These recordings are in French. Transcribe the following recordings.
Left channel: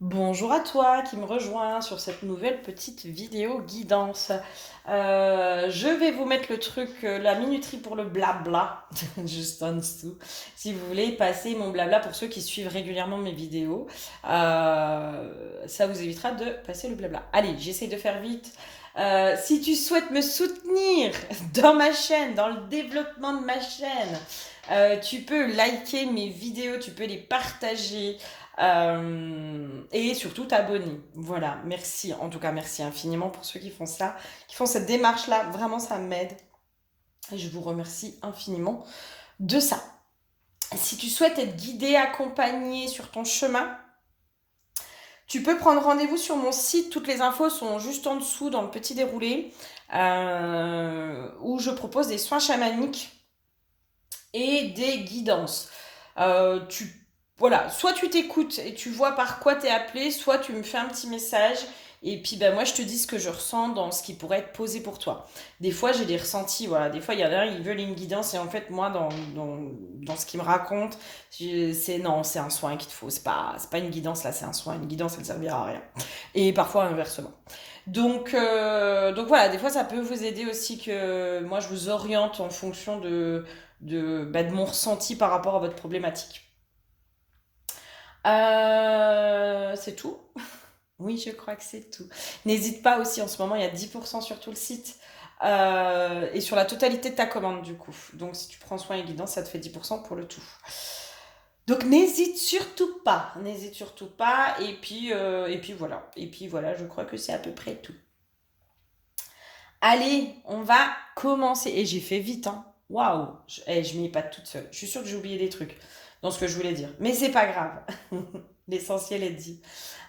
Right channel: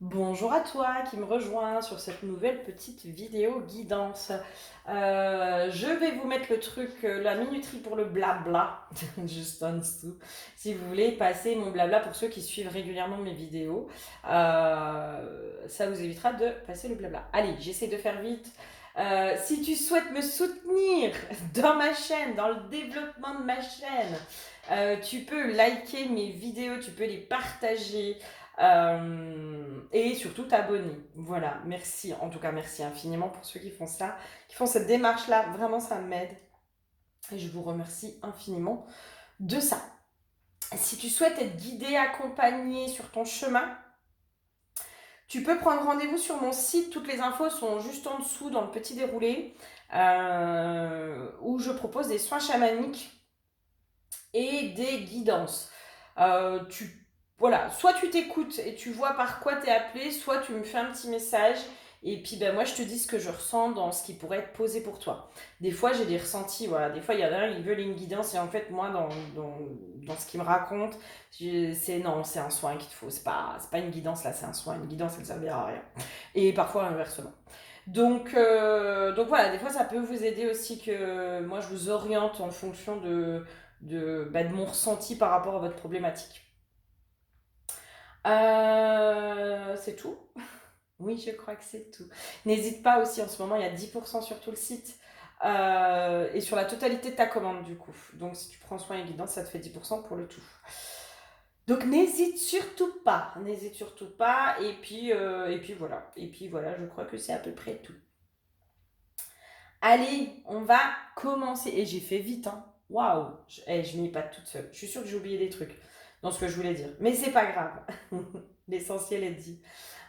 Bonjour à toi qui me rejoins sur cette nouvelle petite vidéo guidance. Je vais vous mettre le truc, la minuterie pour le blabla, juste en dessous. Si vous voulez passer mon blabla pour ceux qui suivent régulièrement mes vidéos, ça vous évitera de passer le blabla. Allez, j'essaie de faire vite. Si tu souhaites me soutenir dans ma chaîne, dans le développement de ma chaîne, tu peux liker mes vidéos, tu peux les partager. Et surtout t'abonner. Voilà, merci. En tout cas, merci infiniment pour ceux qui font ça, qui font cette démarche-là. Vraiment, ça m'aide. Et je vous remercie infiniment de ça. Si tu souhaites être guidé, accompagné sur ton chemin, tu peux prendre rendez-vous sur mon site. Toutes les infos sont juste en dessous dans le petit déroulé où je propose des soins chamaniques et des guidances. Tu voilà, soit tu t'écoutes et tu vois par quoi t'es appelé, soit tu me fais un petit message et puis ben moi je te dis ce que je ressens dans ce qui pourrait être posé pour toi. Des fois j'ai des ressentis, voilà, des fois il y en a un, ils veulent une guidance et en fait moi dans ce qu'ils me racontent, c'est non, c'est un soin qu'il te faut, c'est pas une guidance là, c'est un soin, une guidance elle ne servira à rien. Et parfois inversement. Donc voilà, des fois ça peut vous aider aussi que moi je vous oriente en fonction de mon ressenti par rapport à votre problématique. C'est tout. Oui, je crois que c'est tout. N'hésite pas aussi, en ce moment, il y a 10% sur tout le site et sur la totalité de ta commande, du coup. Donc, si tu prends soin et guidance, ça te fait 10% pour le tout. Donc, n'hésite surtout pas. Et puis voilà. Et puis voilà, je crois que c'est à peu près tout. Allez, on va commencer. Et j'ai fait vite, hein. Waouh, je m'y ai pas toute seule. Je suis sûre que j'ai oublié des trucs dans ce que je voulais dire. Mais c'est pas grave. L'essentiel est dit.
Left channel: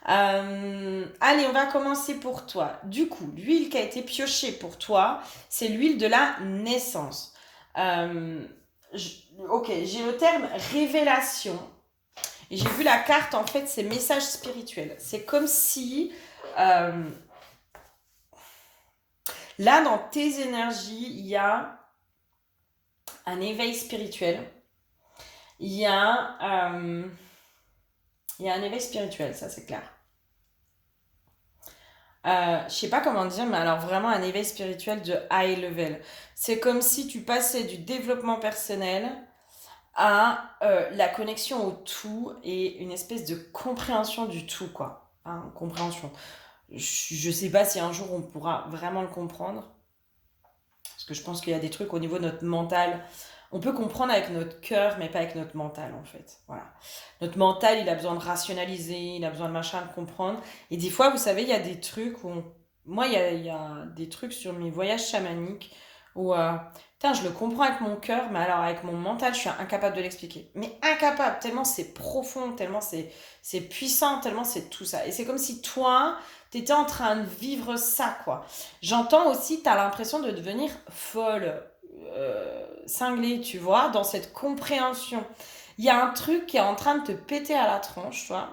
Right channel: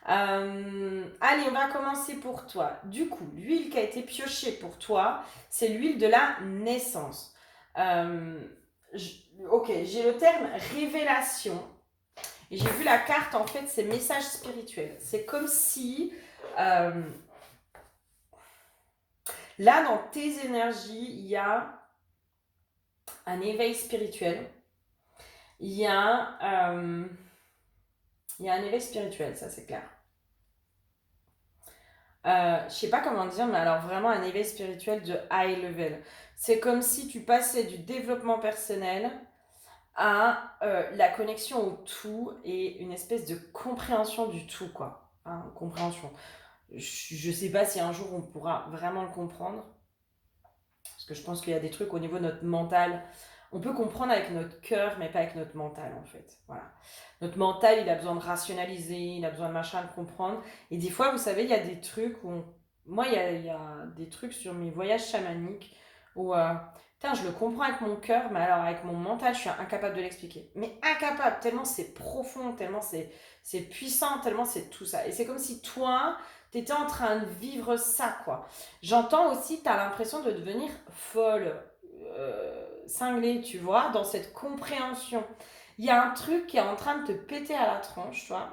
Allez, on va commencer pour toi. Du coup, l'huile qui a été piochée pour toi, c'est l'huile de la naissance. Euh, ok, j'ai le terme révélation. Et j'ai vu la carte, en fait, c'est message spirituel. C'est comme si, euh, là, dans tes énergies, un éveil spirituel. Il y a, euh, il y a un éveil spirituel, ça c'est clair. Je sais pas comment dire, mais alors vraiment un éveil spirituel de high level. C'est comme si tu passais du développement personnel à la connexion au tout et une espèce de compréhension du tout, quoi. Hein, compréhension. Je sais pas si un jour on pourra vraiment le comprendre, parce que je pense qu'il y a des trucs au niveau de notre mental. On peut comprendre avec notre cœur, mais pas avec notre mental, en fait. Voilà. Notre mental, il a besoin de rationaliser, il a besoin de machin, de comprendre. Et des fois, vous savez, il y a des trucs où... Moi, il y a des trucs sur mes voyages chamaniques où... putain, je le comprends avec mon cœur, mais alors avec mon mental, je suis incapable de l'expliquer. Mais incapable, tellement c'est profond, tellement c'est puissant, tellement c'est tout ça. Et c'est comme si toi, t'étais en train de vivre ça, quoi. J'entends aussi, t'as l'impression de devenir folle, cinglée, tu vois, dans cette compréhension. Il y a un truc qui est en train de te péter à la tronche, tu vois.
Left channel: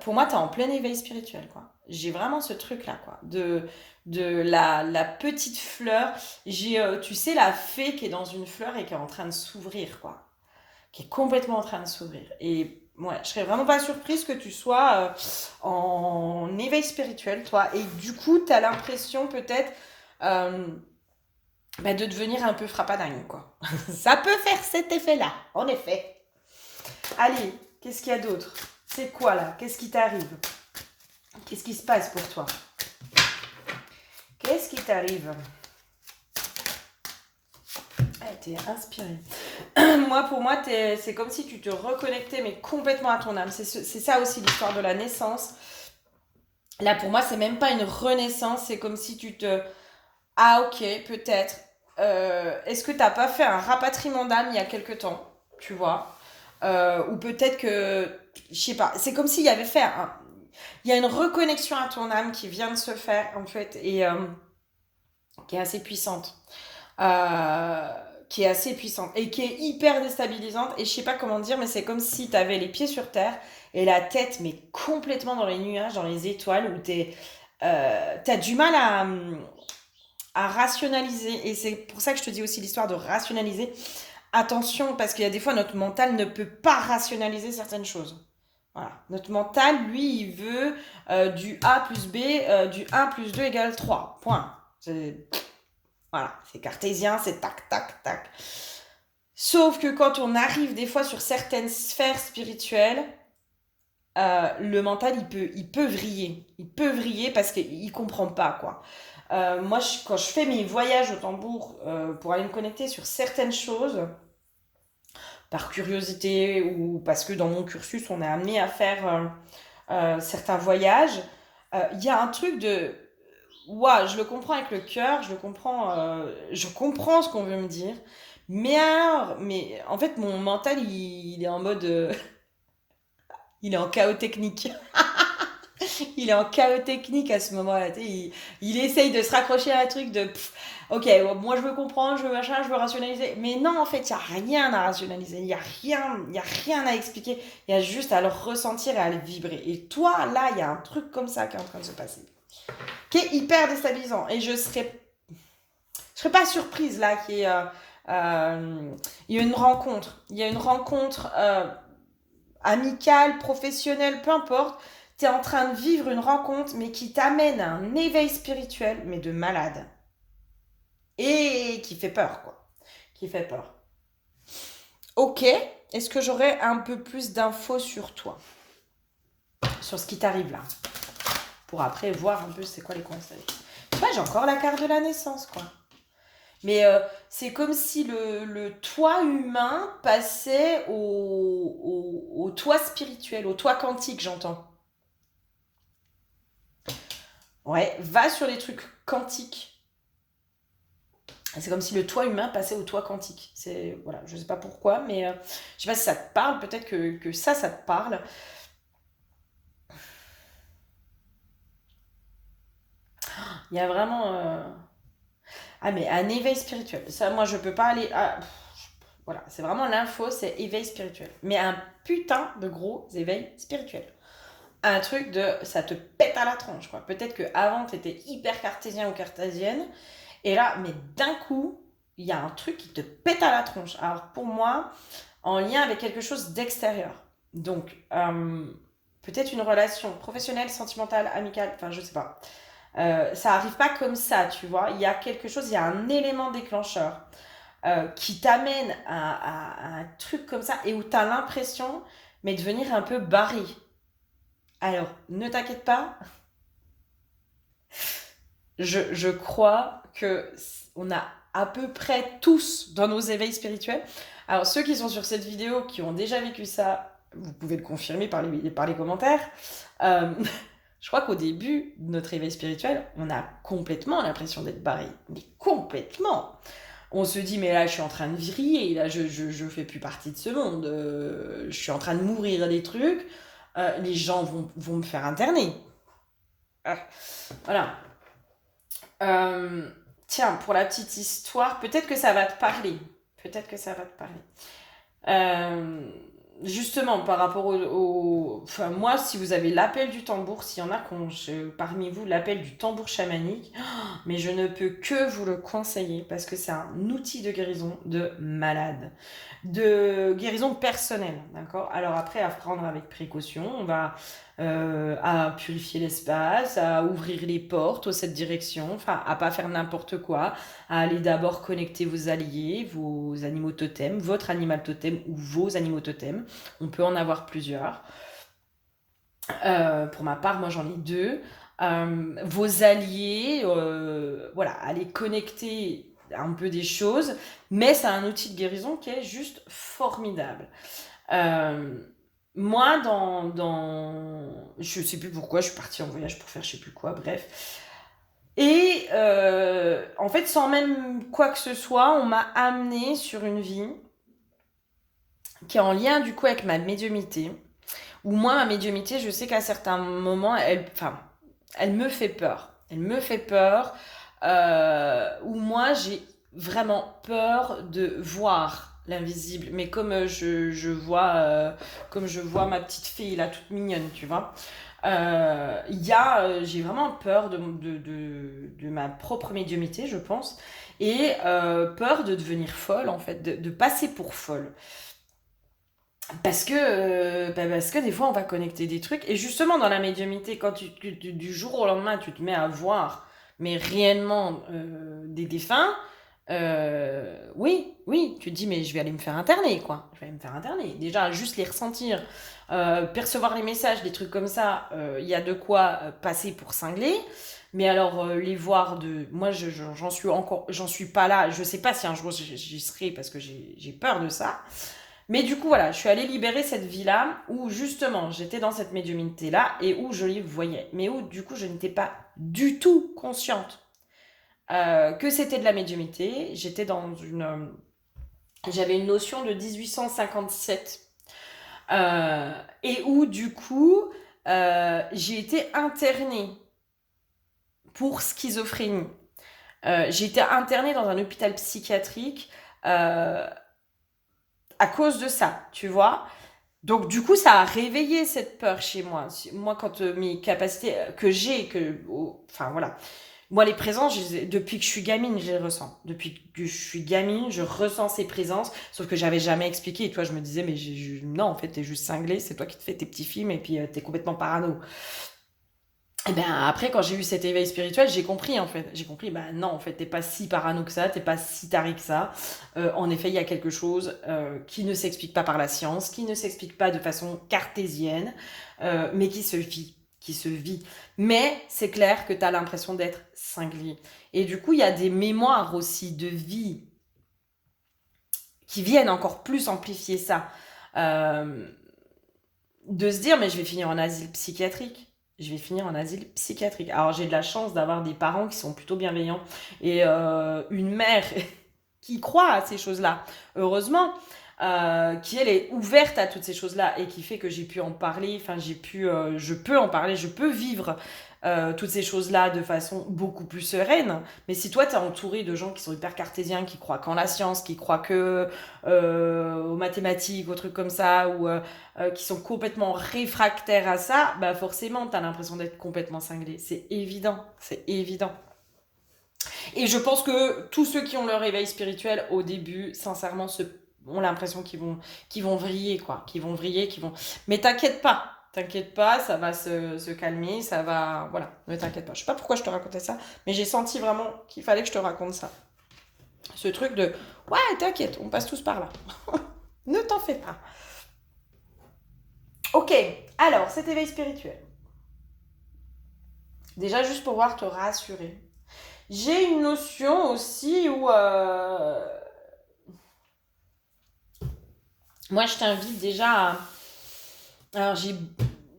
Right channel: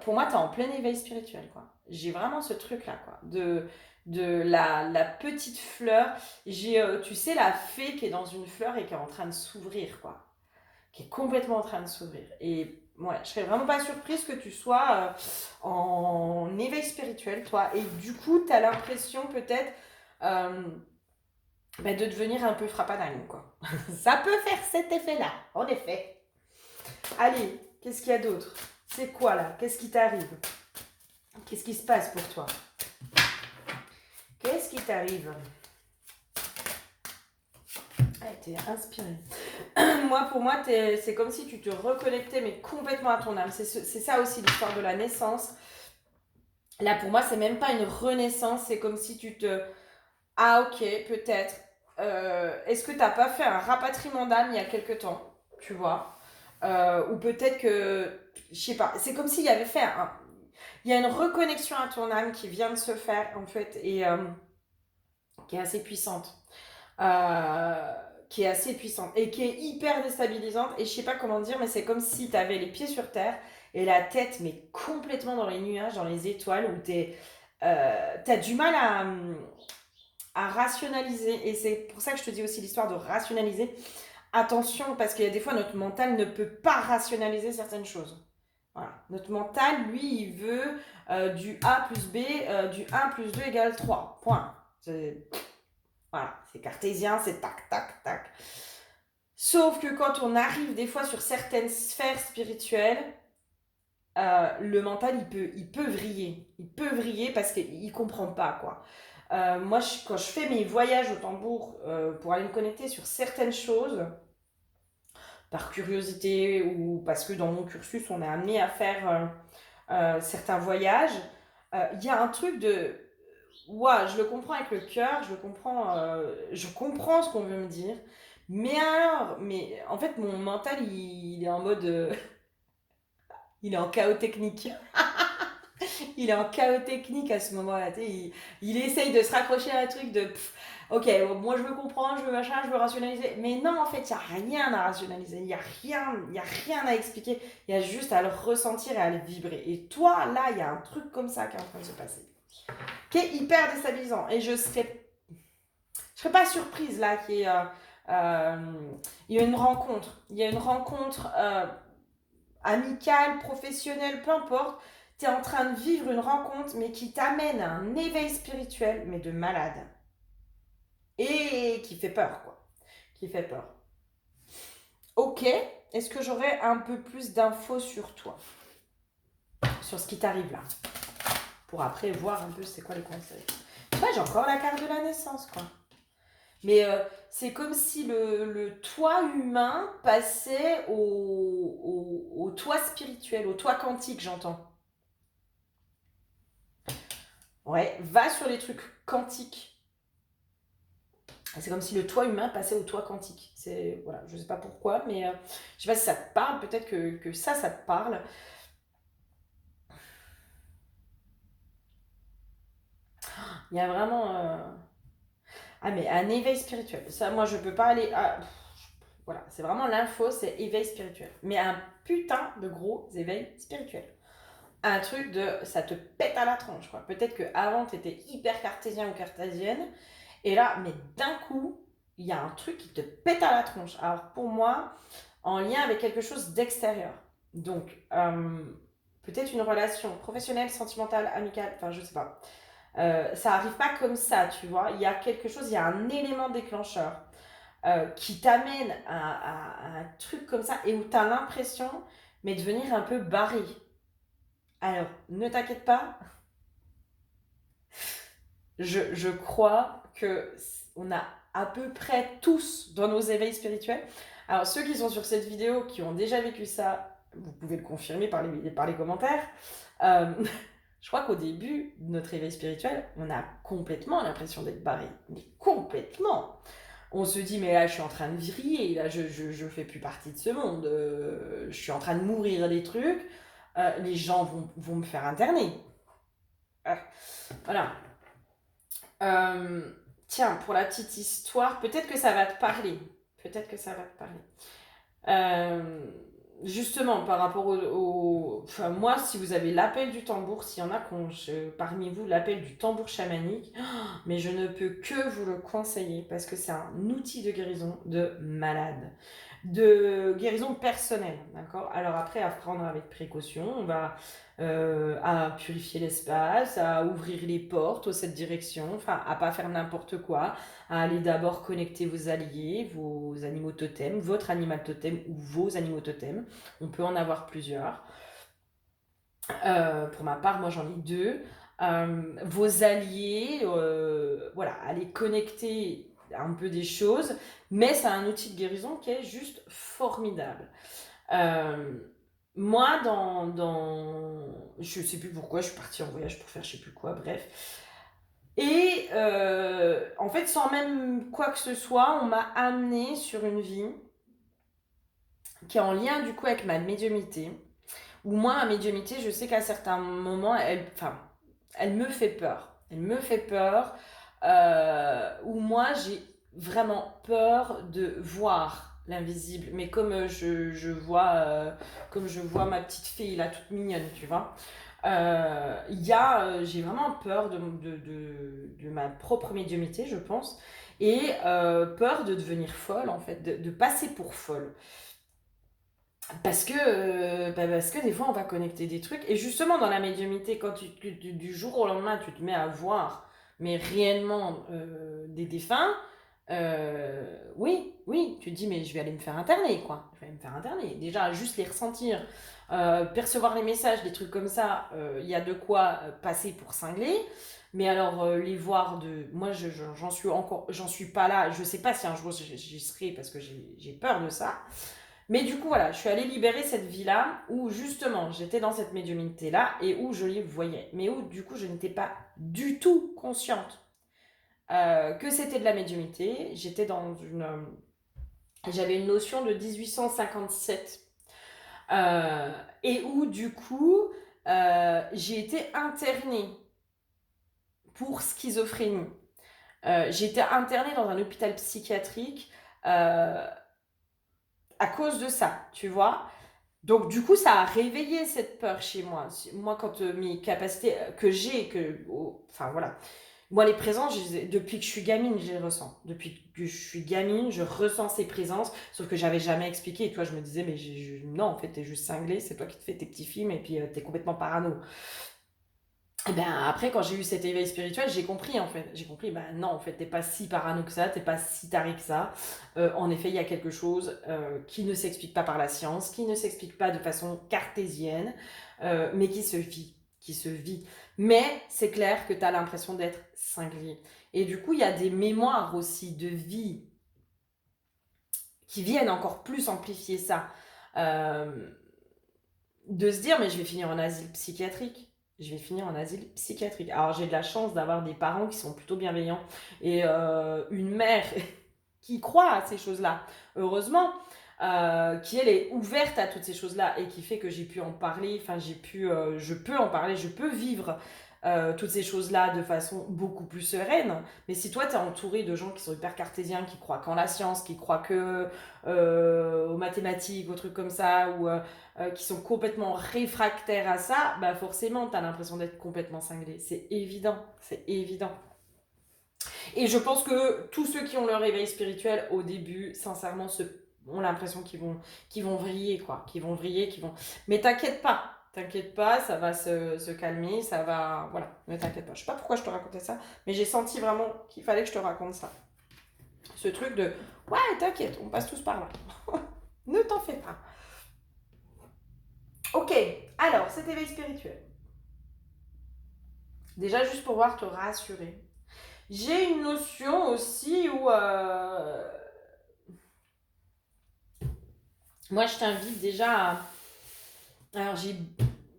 Pour moi, t'es en plein éveil spirituel, quoi. J'ai vraiment ce truc-là, quoi. De la petite fleur. J'ai, tu sais, la fée qui est dans une fleur et qui est en train de s'ouvrir, quoi. Qui est complètement en train de s'ouvrir. Et ouais, je serais vraiment pas surprise que tu sois en éveil spirituel, toi. Et du coup, tu as l'impression peut-être euh, de devenir un peu frappadingue, quoi. Ça peut faire cet effet-là, en effet. Allez, qu'est-ce qu'il y a d'autre? C'est quoi là? Qu'est-ce qui t'arrive? Qu'est-ce qui se passe pour toi? Qu'est-ce qui t'arrive? Ah, t'es inspirée. Pour moi, c'est comme si tu te reconnectais, mais complètement à ton âme. C'est ça aussi l'histoire de la naissance. Là, pour moi, c'est même pas une renaissance, c'est comme si tu te... Ah, ok, peut-être. Est-ce que t'as pas fait un rapatriement d'âme il y a quelque temps, tu vois? Ou peut-être que... Je sais pas, c'est comme s'il y avait fait un... Il y a une reconnexion à ton âme qui vient de se faire, en fait, et qui est assez puissante. Euh, qui est assez puissante et qui est hyper déstabilisante. Et je sais pas comment dire, mais c'est comme si tu avais les pieds sur terre et la tête, mais complètement dans les nuages, dans les étoiles, où t'as du mal à rationaliser. Et c'est pour ça que je te dis aussi l'histoire de rationaliser. Attention, parce qu'il y a des fois, notre mental ne peut pas rationaliser certaines choses. Voilà. Notre mental, lui, il veut du A plus B, du 1 plus 2 égale 3. Point. Voilà, c'est cartésien, c'est tac, tac, tac. Sauf que quand on arrive des fois sur certaines sphères spirituelles, le mental, il peut vriller. Il peut vriller parce qu'il ne comprend pas, quoi. Moi, quand je fais mes voyages au tambour pour aller me connecter sur certaines choses, par curiosité ou parce que dans mon cursus, on est amené à faire certains voyages, il y a un truc de... Ouah, je le comprends avec le cœur, je comprends ce qu'on veut me dire. Mais alors, mais en fait, mon mental, il est en mode... il est en chaos technique. Il est en chaos technique à ce moment-là. Il essaye de se raccrocher à un truc de ok, moi je veux comprendre, je veux machin, je veux rationaliser. Mais non, en fait, il n'y a rien à rationaliser. Il y a rien à expliquer. Il y a juste à le ressentir et à le vibrer. Et toi, là, il y a un truc comme ça qui est en train de se passer, qui est hyper déstabilisant. Et je serais pas surprise là qu'il y ait il y a une rencontre. Il y a une rencontre amicale, professionnelle, peu importe. Tu es en train de vivre une rencontre, mais qui t'amène à un éveil spirituel, mais de malade. Et qui fait peur, quoi. Qui fait peur. Ok, est-ce que j'aurais un peu plus d'infos sur toi? Sur ce qui t'arrive là? Pour après voir un peu c'est quoi les conseils. Tu vois, j'ai encore la carte de la naissance, quoi. Mais c'est comme si le toit humain passait au toit spirituel, au toit quantique, j'entends. Ouais, va sur les trucs quantiques. C'est comme si le toit humain passait au toit quantique. C'est, voilà, je sais pas pourquoi, mais je sais pas si ça te parle, peut-être que ça te parle. Il y a vraiment... Ah, mais un éveil spirituel. Ça, moi, je peux pas aller... voilà, c'est vraiment l'info, c'est éveil spirituel. Mais un putain de gros éveil spirituel. Un truc de... Ça te pète à la tronche, quoi. Peut-être qu'avant, tu étais hyper cartésien ou cartésienne. Et là, mais d'un coup, il y a un truc qui te pète à la tronche. Alors, pour moi, en lien avec quelque chose d'extérieur. Donc, peut-être une relation professionnelle, sentimentale, amicale, enfin, je sais pas. Ça arrive pas comme ça, tu vois. Il y a quelque chose, il y a un élément déclencheur qui t'amène à un truc comme ça et où tu as l'impression, mais de devenir un peu barré. Alors, ne t'inquiète pas, je crois que on a à peu près tous dans nos éveils spirituels. Alors, ceux qui sont sur cette vidéo, qui ont déjà vécu ça, vous pouvez le confirmer par les commentaires. Euh, je crois qu'au début de notre éveil spirituel, on a complètement l'impression d'être barré. Mais complètement. On se dit, mais là, je suis en train de vriller, là, je fais plus partie de ce monde. Je suis en train de mourir des trucs. Les gens vont me faire interner. Voilà. Tiens, pour la petite histoire, peut-être que ça va te parler. Peut-être que ça va te parler. Justement, par rapport Enfin, moi, si vous avez l'appel du tambour, s'il y en a parmi vous l'appel du tambour chamanique, mais je ne peux que vous le conseiller parce que c'est un outil de guérison de malade. De guérison personnelle, d'accord? Alors après, à prendre avec précaution, on va à purifier l'espace, à ouvrir les portes aux 7 directions, enfin, à pas faire n'importe quoi, à aller d'abord connecter vos alliés, vos animaux totems, votre animal totem ou vos animaux totems. On peut en avoir plusieurs. Pour ma part, moi j'en ai 2. Vos alliés, voilà, aller connecter un peu des choses, mais c'est un outil de guérison qui est juste formidable. Euh, Moi, je sais plus pourquoi, je suis partie en voyage pour faire je sais plus quoi, bref. Et en fait, sans même quoi que ce soit, on m'a amenée sur une vie qui est en lien du coup avec ma médiumnité. Où moi, ma médiumnité, je sais qu'à certains moments, elle me fait peur. Elle me fait peur. Où moi, j'ai vraiment peur de voir l'invisible. Mais comme comme je vois ma petite fille là, toute mignonne, tu vois. J'ai vraiment peur de ma propre médiumité, je pense. Et peur de devenir folle, en fait, de passer pour folle. parce que des fois, on va connecter des trucs. Et justement, dans la médiumnité, quand du jour au lendemain, tu te mets à voir, mais réellement, des défunts, oui, oui, tu te dis, mais je vais aller me faire interner, quoi. Je vais aller me faire interner. Déjà, juste les ressentir, percevoir les messages, des trucs comme ça, il y a de quoi passer pour cinglé. Mais alors, les voir de. Moi, j'en suis encore. J'en suis pas là. Je sais pas si un jour j'y serai parce que j'ai peur de ça. Mais du coup, voilà, je suis allée libérer cette vie-là où justement j'étais dans cette médiumnité-là et où je les voyais. Mais où du coup je n'étais pas du tout consciente que c'était de la médiumnité. J'étais dans une. J'avais une notion de 1857 et où du coup j'ai été internée pour schizophrénie. J'ai été internée dans un hôpital psychiatrique euh, à cause de ça, tu vois. Donc, du coup, ça a réveillé cette peur chez moi. Moi, quand mes capacités que j'ai, enfin voilà. Moi, les présences, depuis que je suis gamine, je les ressens. Depuis que je suis gamine, je ressens ces présences, sauf que j'avais jamais expliqué. Et toi, je me disais, mais non, en fait, t'es juste cinglé, c'est toi qui te fais tes petits films et puis t'es complètement parano. Et ben après, quand j'ai eu cet éveil spirituel, j'ai compris en fait. J'ai compris, ben non, en fait, t'es pas si parano que ça, t'es pas si taré que ça. En effet, il y a quelque chose qui ne s'explique pas par la science, qui ne s'explique pas de façon cartésienne, mais qui se vit, qui se vit. Mais c'est clair que t'as l'impression d'être cinglé. Et du coup, il y a des mémoires aussi de vie qui viennent encore plus amplifier ça. Euh, de se dire, mais je vais finir en asile psychiatrique. Je vais finir en asile psychiatrique. Alors j'ai de la chance d'avoir des parents qui sont plutôt bienveillants et une mère qui croit à ces choses-là. Heureusement, qui elle est ouverte à toutes ces choses-là et qui fait que j'ai pu en parler. Enfin, je peux en parler, je peux vivre toutes ces choses-là de façon beaucoup plus sereine. Mais si toi, tu es entouré de gens qui sont hyper cartésiens, qui croient qu'en la science, qui croient que aux mathématiques, aux trucs comme ça, ou qui sont complètement réfractaires à ça, bah forcément, tu as l'impression d'être complètement cinglé. C'est évident, c'est évident. Et je pense que tous ceux qui ont leur éveil spirituel au début, sincèrement, ont l'impression qu'ils vont vriller, quoi. Qu'ils vont vriller, qu'ils vont. Mais t'inquiète pas, ça va se calmer, ça va. Voilà, ne t'inquiète pas. Je sais pas pourquoi je te racontais ça, mais j'ai senti vraiment qu'il fallait que je te raconte ça. Ce truc de ouais, t'inquiète, on passe tous par là. Ne t'en fais pas. Ok, alors cet éveil spirituel. Déjà, juste pour pouvoir te rassurer. J'ai une notion aussi où moi je t'invite déjà à. Alors j'ai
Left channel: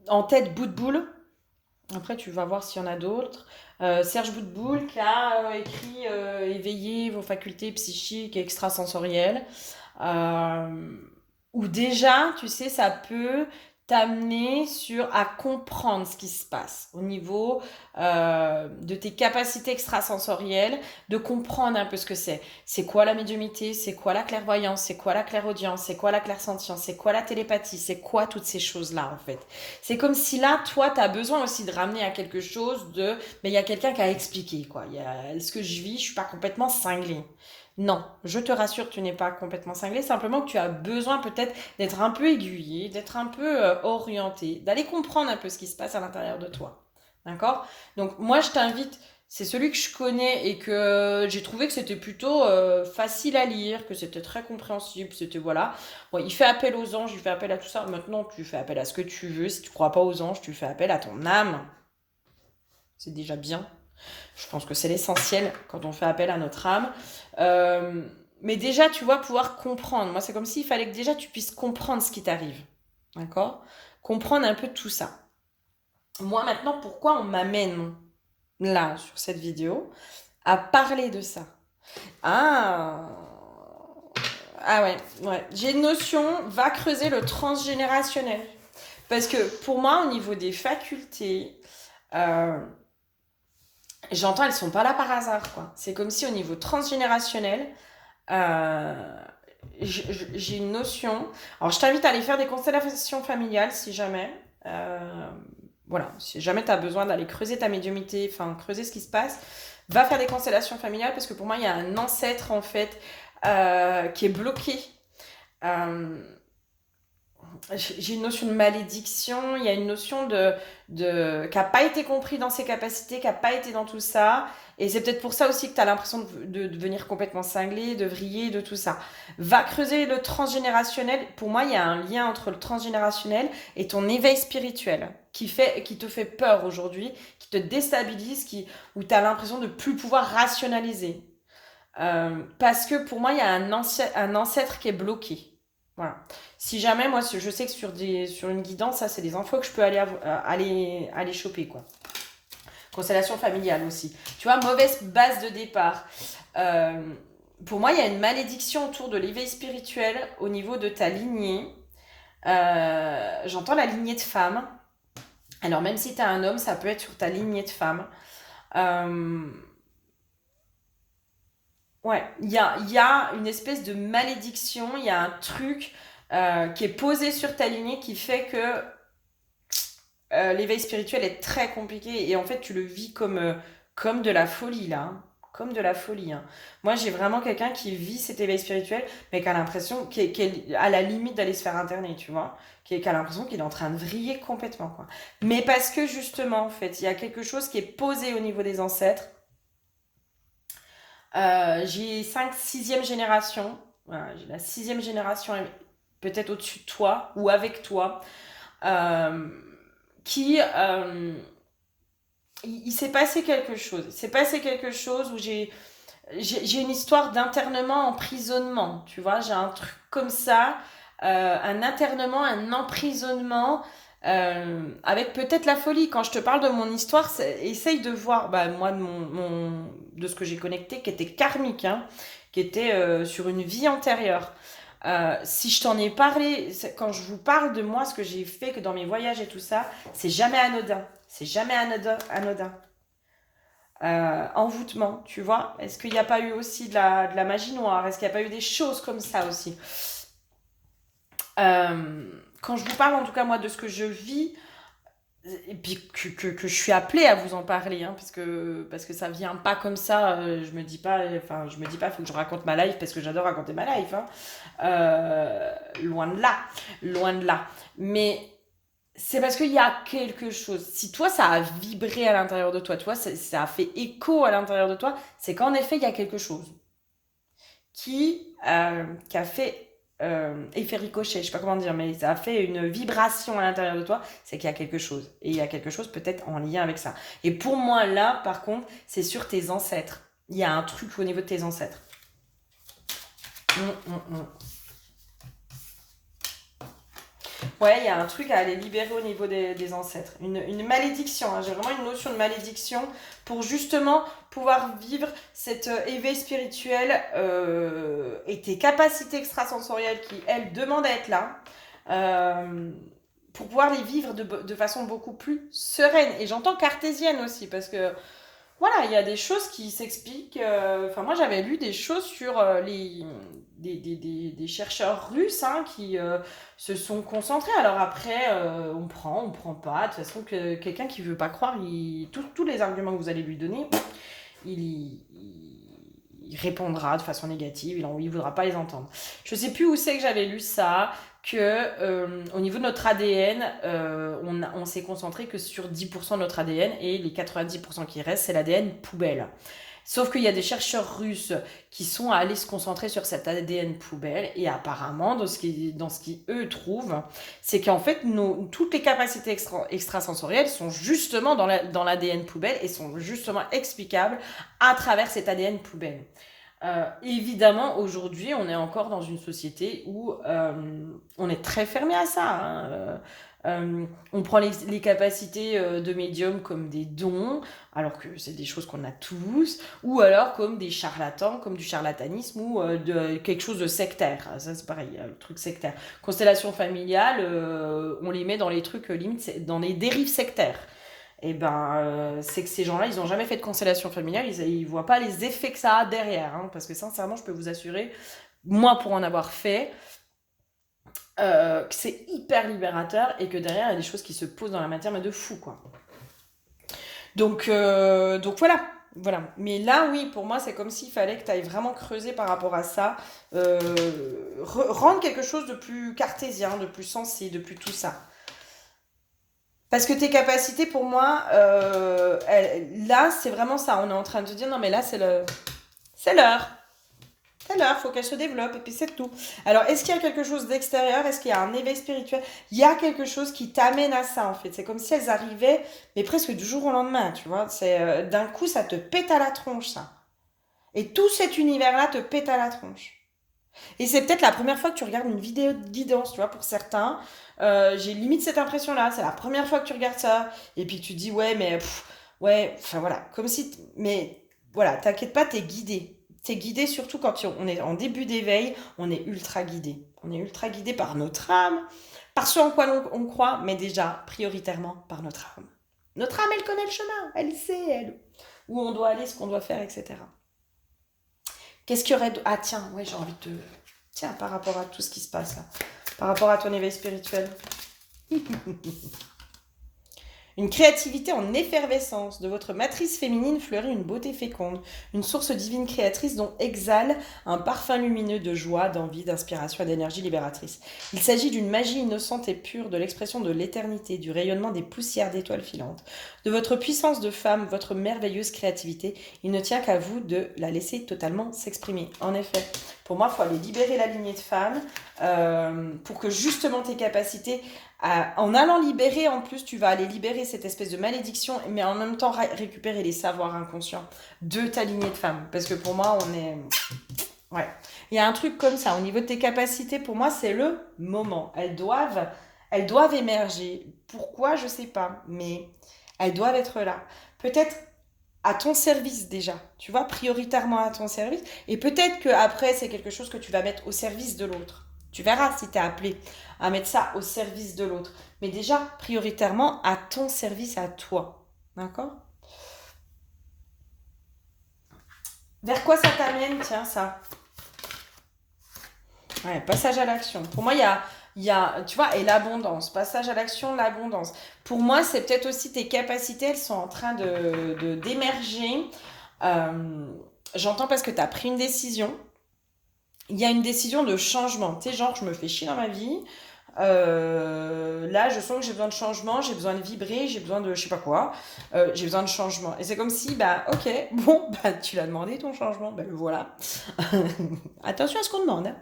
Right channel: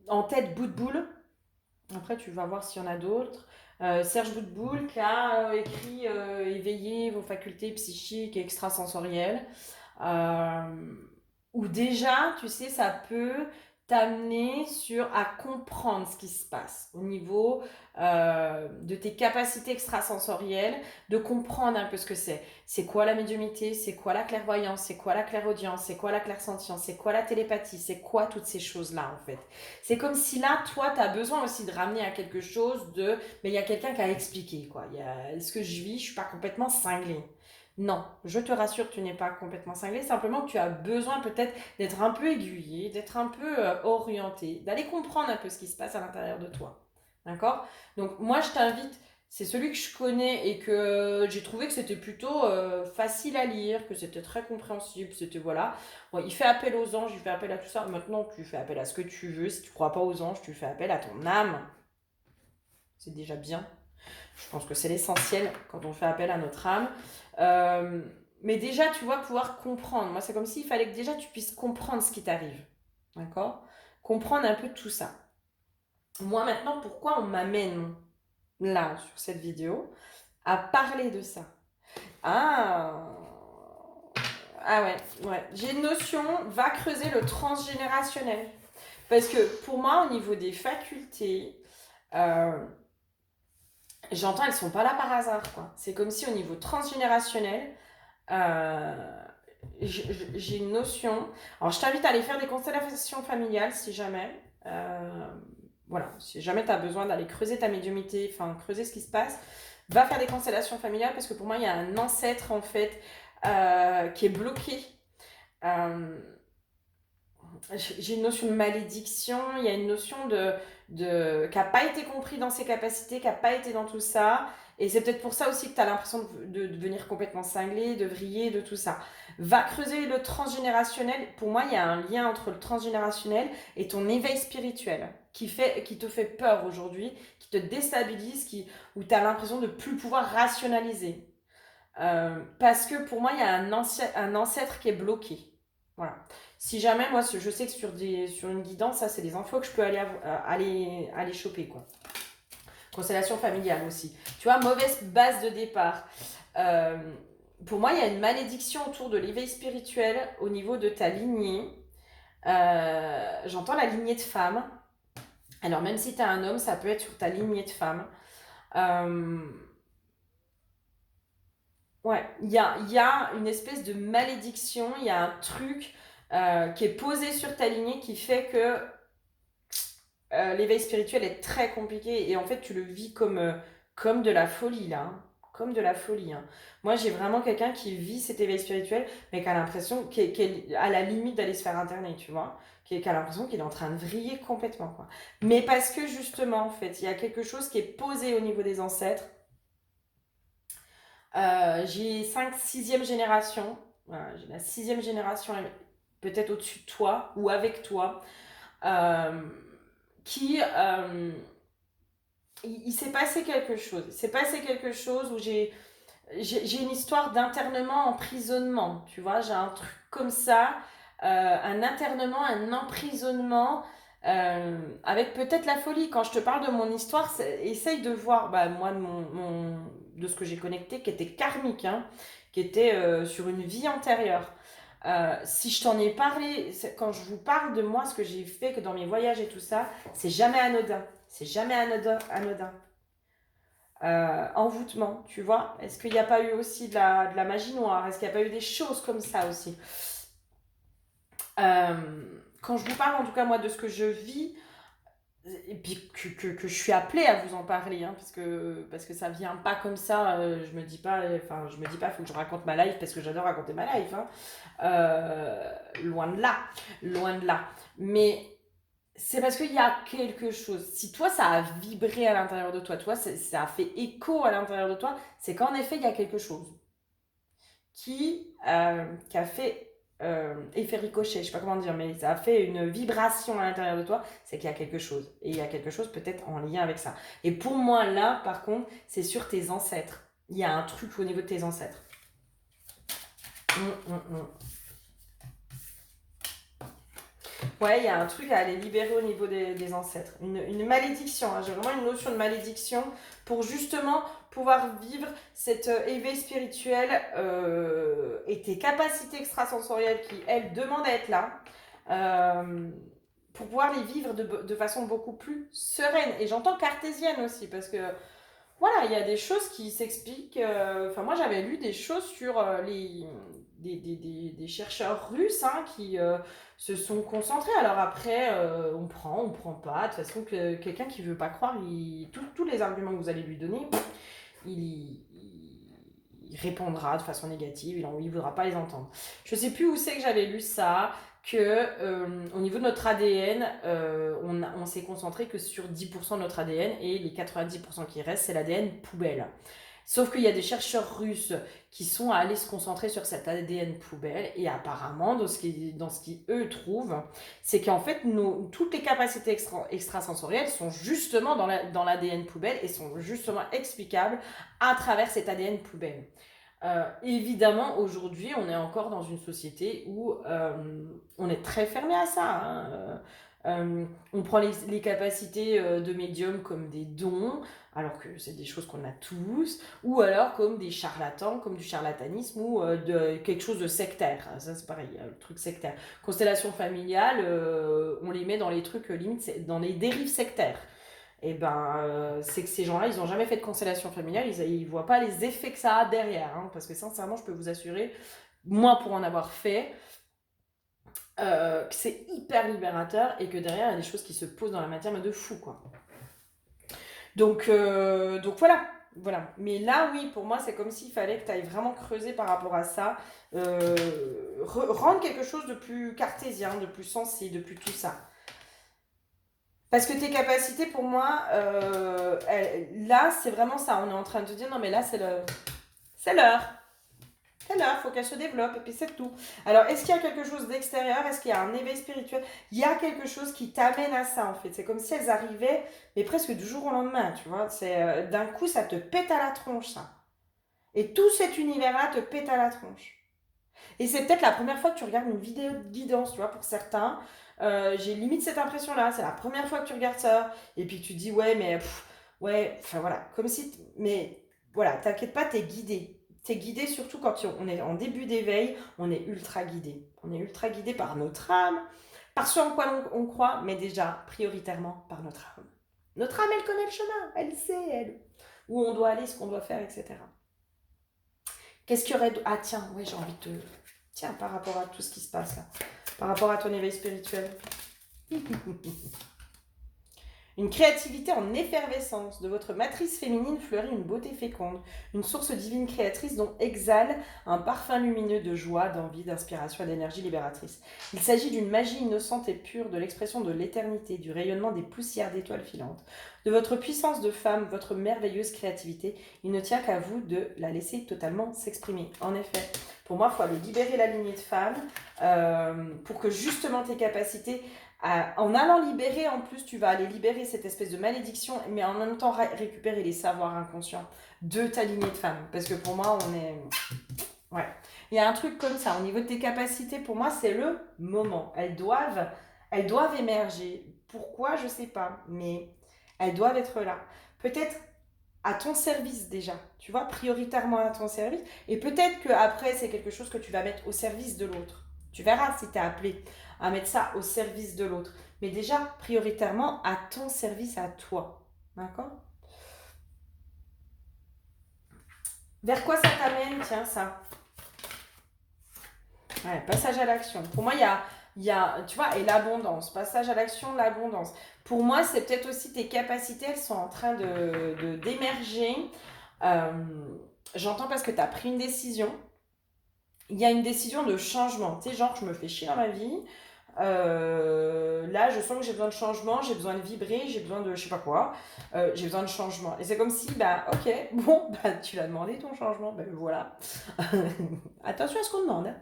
en tête Boutboul. Après tu vas voir s'il y en a d'autres. Serge Boutboul qui a écrit Éveiller vos facultés psychiques et extrasensorielles. Euh, Où déjà, tu sais, ça peut t'amener à comprendre ce qui se passe au niveau de tes capacités extrasensorielles, de comprendre un peu ce que c'est. C'est quoi la médiumité, c'est quoi la clairvoyance, c'est quoi la clairaudience, c'est quoi la clairsentience, c'est quoi la télépathie, c'est quoi toutes ces choses-là en fait. C'est comme si là, toi, tu as besoin aussi de ramener à quelque chose de... Mais il y a quelqu'un qui a expliqué, quoi. Ce que je vis, je suis pas complètement cinglée. Non, je te rassure, tu n'es pas complètement cinglé, simplement que tu as besoin peut-être d'être un peu aiguillé, d'être un peu orienté, d'aller comprendre un peu ce qui se passe à l'intérieur de toi. D'accord? Donc moi je t'invite, c'est celui que je connais et que j'ai trouvé que c'était plutôt facile à lire, que c'était très compréhensible, c'était voilà. Bon, il fait appel aux anges, il fait appel à tout ça. Maintenant tu fais appel à ce que tu veux, si tu crois pas aux anges, tu fais appel à ton âme. C'est déjà bien. Je pense que c'est l'essentiel quand on fait appel à notre âme. Euh, mais déjà, tu vois, pouvoir comprendre. Moi, c'est comme s'il fallait que déjà tu puisses comprendre ce qui t'arrive. D'accord? Comprendre un peu tout ça. Moi, maintenant, pourquoi on m'amène là, sur cette vidéo, à parler de ça? Ah, ah ouais, ouais. J'ai une notion, va creuser le transgénérationnel. Parce que pour moi, au niveau des facultés, euh, j'entends, elles sont pas là par hasard, quoi. C'est comme si au niveau transgénérationnel, euh, j'ai une notion. Alors, je t'invite à aller faire des constellations familiales si jamais. Voilà, si jamais tu as besoin d'aller creuser ta médiumnité, enfin, creuser ce qui se passe, va faire des constellations familiales parce que pour moi, il y a un ancêtre en fait qui est bloqué. Euh, j'ai une notion de malédiction, il y a une notion qui n'a pas été compris dans ses capacités, qui n'a pas été dans tout ça. Et c'est peut-être pour ça aussi que tu as l'impression de devenir complètement cinglé, de vriller, de tout ça. Va creuser le transgénérationnel. Pour moi, il y a un lien entre le transgénérationnel et ton éveil spirituel qui te fait peur aujourd'hui, qui te déstabilise, où tu as l'impression de plus pouvoir rationaliser. Parce que pour moi, il y a un ancêtre qui est bloqué. Voilà. Si jamais, moi, je sais que sur une guidance, ça, c'est des infos que je peux aller choper, quoi. Constellation familiale aussi. Tu vois, mauvaise base de départ. Euh, pour moi, il y a une malédiction autour de l'éveil spirituel au niveau de ta lignée. J'entends la lignée de femme. Alors, même si tu as un homme, ça peut être sur ta lignée de femme. Euh, Ouais, il y a une espèce de malédiction, il y a un truc qui est posé sur ta lignée qui fait que l'éveil spirituel est très compliqué et en fait tu le vis comme de la folie là, hein. Comme de la folie, hein. Moi j'ai vraiment quelqu'un qui vit cet éveil spirituel mais qui a l'impression, qui est à la limite d'aller se faire interner, tu vois. Qui a l'impression qu'il est en train de vriller complètement, quoi. Mais parce que justement en fait il y a quelque chose qui est posé au niveau des ancêtres. J'ai 5 sixième génération. Voilà, j'ai la sixième génération, peut-être au-dessus de toi ou avec toi, euh, qui il s'est passé quelque chose. Il s'est passé quelque chose où j'ai une histoire d'internement, emprisonnement. Tu vois, j'ai un truc comme ça, un internement, un emprisonnement. Avec peut-être la folie. Quand je te parle de mon histoire, essaye de voir, bah, moi, de ce que j'ai connecté, qui était karmique, hein, qui était sur une vie antérieure. Si je t'en ai parlé, quand je vous parle de moi, ce que j'ai fait, que dans mes voyages et tout ça, c'est jamais anodin. C'est jamais anodin. Envoûtement, tu vois. Est-ce qu'il n'y a pas eu aussi de la magie noire? Est-ce qu'il n'y a pas eu des choses comme ça aussi? Quand je vous parle, en tout cas, moi, de ce que je vis, et puis que je suis appelée à vous en parler, hein, parce que ça vient pas comme ça, je me dis pas, faut que je raconte ma life, parce que j'adore raconter ma life, hein. Loin de là, loin de là. Mais c'est parce qu'il y a quelque chose. Si toi, ça a vibré à l'intérieur de toi, ça a fait écho à l'intérieur de toi, c'est qu'en effet, il y a quelque chose qui a fait effet ricochet, je sais pas comment dire, mais ça a fait une vibration à l'intérieur de toi, c'est qu'il y a quelque chose. Et il y a quelque chose peut-être en lien avec ça. Et pour moi, là, par contre, c'est sur tes ancêtres. Il y a un truc au niveau de tes ancêtres. Hum. Ouais, il y a un truc à aller libérer au niveau des ancêtres. Une malédiction, hein. J'ai vraiment une notion de malédiction pour justement pouvoir vivre cet éveil spirituel et tes capacités extrasensorielles qui, elles, demandent à être là. euh, pour pouvoir les vivre de façon beaucoup plus sereine. Et j'entends cartésienne aussi, parce que voilà, il y a des choses qui s'expliquent. Enfin, moi, j'avais lu des choses sur des chercheurs russes, hein, qui se sont concentrés. Alors après, on prend pas. De toute façon, quelqu'un qui veut pas croire, tous les arguments que vous allez lui donner, il, il répondra de façon négative, il voudra pas les entendre. Je sais plus où c'est que j'avais lu ça, que au niveau de notre ADN, on s'est concentré que sur 10% de notre ADN et les 90% qui restent, c'est l'ADN poubelle. Sauf qu'il y a des chercheurs russes qui sont allés se concentrer sur cet ADN poubelle et apparemment, dans ce qu'ils eux trouvent, c'est qu'en fait, toutes les capacités extrasensorielles sont justement dans l'ADN poubelle et sont justement explicables à travers cet ADN poubelle. Évidemment, aujourd'hui, on est encore dans une société où on est très fermé à ça, hein. On prend les capacités de médium comme des dons, alors que c'est des choses qu'on a tous, ou alors comme des charlatans, comme du charlatanisme, ou de quelque chose de sectaire. Ça, c'est pareil, le truc sectaire. Constellation familiale, on les met dans les trucs, limite, dans les dérives sectaires. Et ben, c'est que ces gens-là, ils n'ont jamais fait de constellation familiale, ils voient pas les effets que ça a derrière, hein, parce que sincèrement, je peux vous assurer, moi pour en avoir fait, que c'est hyper libérateur et que derrière, il y a des choses qui se posent dans la matière, mais de fou, quoi. Donc voilà. voilà. Mais là, oui, pour moi, c'est comme s'il fallait que tu ailles vraiment creuser par rapport à ça, euh, rendre quelque chose de plus cartésien, de plus sensé, de plus tout ça. Parce que tes capacités, pour moi, là, c'est vraiment ça. On est en train de te dire, non, mais là, c'est l'heure. C'est l'heure, faut qu'elle se développe, et puis c'est tout. Alors, est-ce qu'il y a quelque chose d'extérieur? Est-ce qu'il y a un éveil spirituel? Il y a quelque chose qui t'amène à ça, en fait. C'est comme si elles arrivaient, mais presque du jour au lendemain, tu vois. D'un coup, ça te pète à la tronche, ça. Et tout cet univers-là te pète à la tronche. Et c'est peut-être la première fois que tu regardes une vidéo de guidance, tu vois, pour certains. J'ai limite cette impression-là. C'est la première fois que tu regardes ça. Et puis tu te dis, ouais, mais ouais, enfin voilà. Comme si. Mais voilà, t'inquiète pas, t'es guidé. T'es guidé surtout quand on est en début d'éveil, on est ultra guidé. On est ultra guidé par notre âme, par ce en quoi on croit, mais déjà, prioritairement, par notre âme. Notre âme, elle connaît le chemin. Elle sait, elle, où on doit aller, ce qu'on doit faire, etc. Qu'est-ce qu'il y aurait de... Ah tiens, ouais, j'ai envie de... Tiens, par rapport à tout ce qui se passe là. Par rapport à ton éveil spirituel. Une créativité en effervescence. De votre matrice féminine fleurit une beauté féconde, une source divine créatrice dont exhale un parfum lumineux de joie, d'envie, d'inspiration et d'énergie libératrice. Il s'agit d'une magie innocente et pure, de l'expression de l'éternité, du rayonnement des poussières d'étoiles filantes. De votre puissance de femme, votre merveilleuse créativité, il ne tient qu'à vous de la laisser totalement s'exprimer. En effet, pour moi, il faut aller libérer la lignée de femmes pour que justement tes capacités en allant libérer, en plus, tu vas aller libérer cette espèce de malédiction, mais en même temps récupérer les savoirs inconscients de ta lignée de femme. Parce que pour moi, on est... Ouais. Il y a un truc comme ça. Au niveau de tes capacités, pour moi, c'est le moment. Elles doivent émerger. Pourquoi, je sais pas. Mais elles doivent être là. Peut-être à ton service déjà. Tu vois, prioritairement à ton service. Et peut-être qu'après, c'est quelque chose que tu vas mettre au service de l'autre. Tu verras si tu es appelé à mettre ça au service de l'autre. Mais déjà, prioritairement, à ton service, à toi. D'accord? Vers quoi ça t'amène, tiens, ça? Ouais, passage à l'action. Pour moi, tu vois, et l'abondance. Passage à l'action, l'abondance. Pour moi, c'est peut-être aussi tes capacités, elles sont en train d'émerger. Euh, J'entends parce que tu as pris une décision. Il y a une décision de changement. Tu sais, genre, je me fais chier dans ma vie. Là, je sens que j'ai besoin de changement, j'ai besoin de vibrer, j'ai besoin de je sais pas quoi, j'ai besoin de changement. Et c'est comme si, bah, ok, bon, bah, tu l'as demandé ton changement, bah, le voilà. Attention à ce qu'on demande, hein.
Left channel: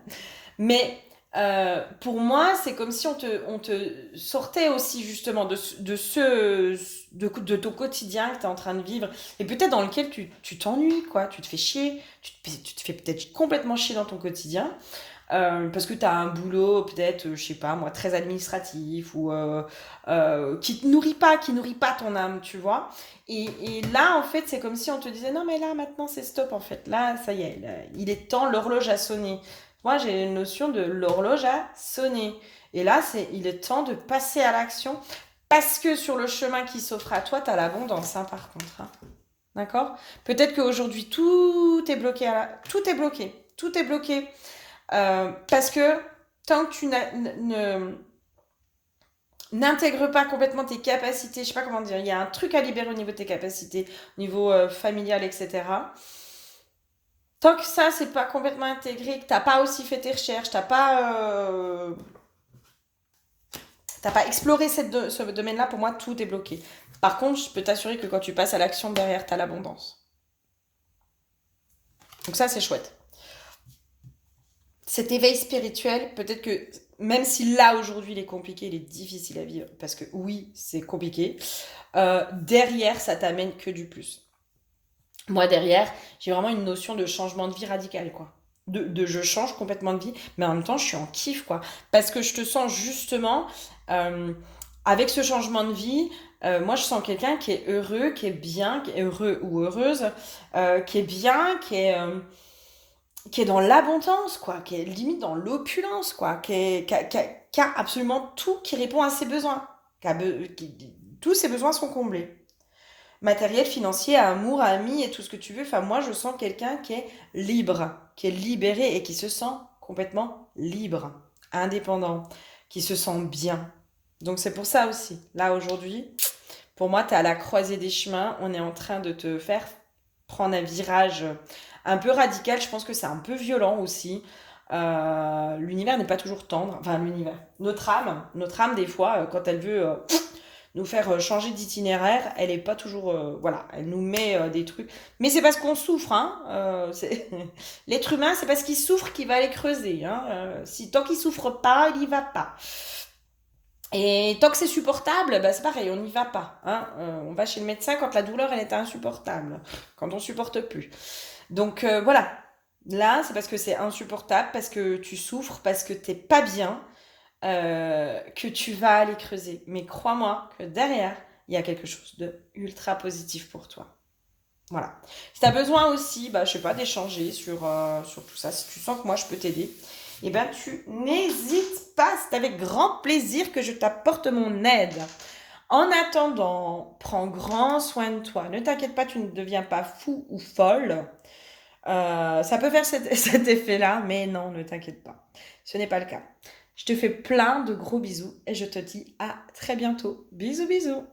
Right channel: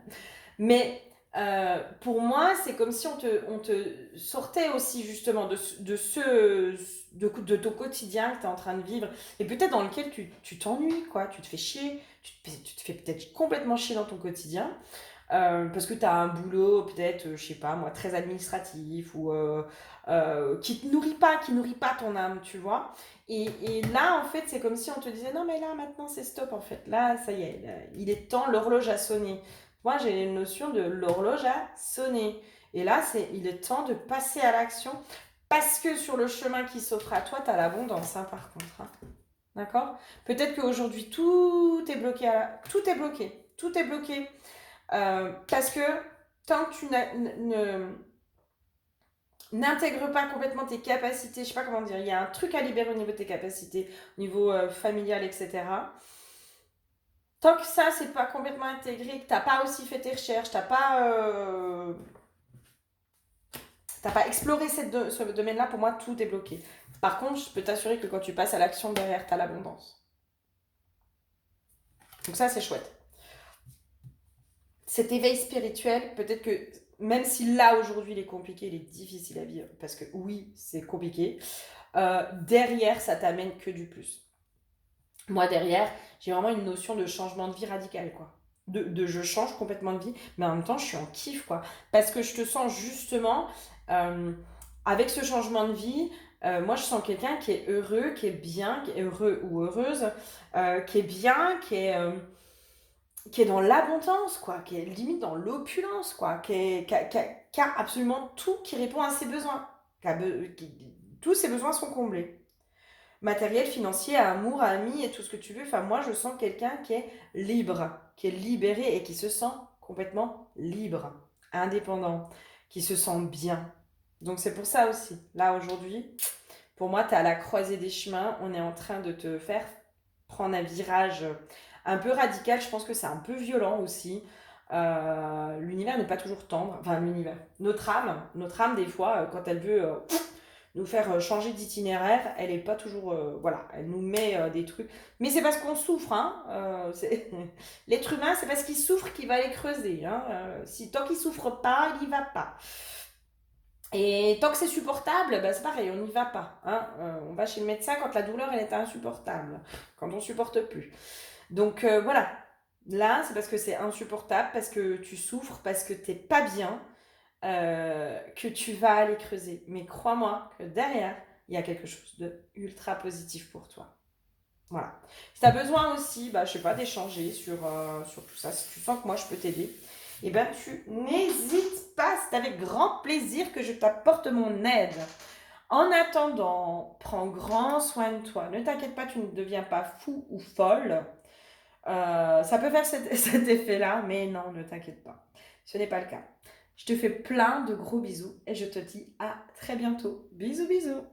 Mais pour moi, c'est comme si on te sortait aussi justement de ton quotidien que tu es en train de vivre et peut-être dans lequel tu t'ennuies, quoi. Tu te fais chier, tu te fais peut-être complètement chier dans ton quotidien. Parce que tu as un boulot peut-être, je sais pas moi, très administratif ou qui nourrit pas ton âme, tu vois. Et là, en fait, c'est comme si on te disait, non mais là, maintenant, c'est stop, en fait. Là, ça y est, là, il est temps, l'horloge a sonné. Moi, j'ai une notion de l'horloge a sonné. Et là, il est temps de passer à l'action parce que sur le chemin qui s'offre à toi, tu as l'abondance, hein, par contre, hein. D'accord? Peut-être qu'aujourd'hui, tout est bloqué. Tout est bloqué. Tout est bloqué. Parce que tant que tu n'intègres pas complètement tes capacités, je sais pas comment dire, il y a un truc à libérer au niveau de tes capacités, au niveau familial, etc. Tant que ça, c'est pas complètement intégré, que t'as pas aussi fait tes recherches, t'as pas exploré ce domaine-là, pour moi, tout est bloqué. Par contre, je peux t'assurer que quand tu passes à l'action, derrière, t'as l'abondance. Donc ça, c'est chouette. Cet éveil spirituel, peut-être que même si là aujourd'hui il est compliqué, il est difficile à vivre, parce que oui, c'est compliqué, derrière ça t'amène que du plus. Moi derrière, j'ai vraiment une notion de changement de vie radical, quoi. Je change complètement de vie, mais en même temps je suis en kiff, quoi. Parce que je te sens justement, euh, avec ce changement de vie, moi je sens quelqu'un qui est heureux, qui est bien, qui est heureux ou heureuse, qui est bien, qui est dans l'abondance, quoi, qui est limite dans l'opulence, quoi, qui a absolument tout qui répond à ses besoins. Tous ses besoins sont comblés. Matériel, financier, amour, ami et tout ce que tu veux. Enfin, moi, je sens quelqu'un qui est libre, qui est libéré et qui se sent complètement libre, indépendant, qui se sent bien. Donc, c'est pour ça aussi. Là, aujourd'hui, pour moi, tu es à la croisée des chemins. On est en train de te faire prendre un virage un peu radical. Je pense que c'est un peu violent aussi. L'univers n'est pas toujours tendre. Enfin, l'univers. Notre âme des fois, quand elle veut nous faire changer d'itinéraire, elle est pas toujours. Voilà, elle nous met des trucs. Mais c'est parce qu'on souffre, hein. L'être humain, c'est parce qu'il souffre qu'il va aller creuser. Hein. Si, tant qu'il souffre pas, il y va pas. Et tant que c'est supportable, bah c'est pareil, on n'y va pas. Hein. On va chez le médecin quand la douleur elle est insupportable, quand on supporte plus. Donc voilà, là c'est parce que c'est insupportable, parce que tu souffres, parce que t'es pas bien, que tu vas aller creuser. Mais crois-moi que derrière, il y a quelque chose de ultra positif pour toi. Voilà. Si tu as besoin aussi, bah, je sais pas, d'échanger sur tout ça, si tu sens que moi je peux t'aider, eh ben tu n'hésites pas, c'est avec grand plaisir que je t'apporte mon aide. En attendant, prends grand soin de toi. Ne t'inquiète pas, tu ne deviens pas fou ou folle. Ça peut faire cet effet-là, mais non, ne t'inquiète pas. Ce n'est pas le cas. Je te fais plein de gros bisous et je te dis à très bientôt. Bisous, bisous.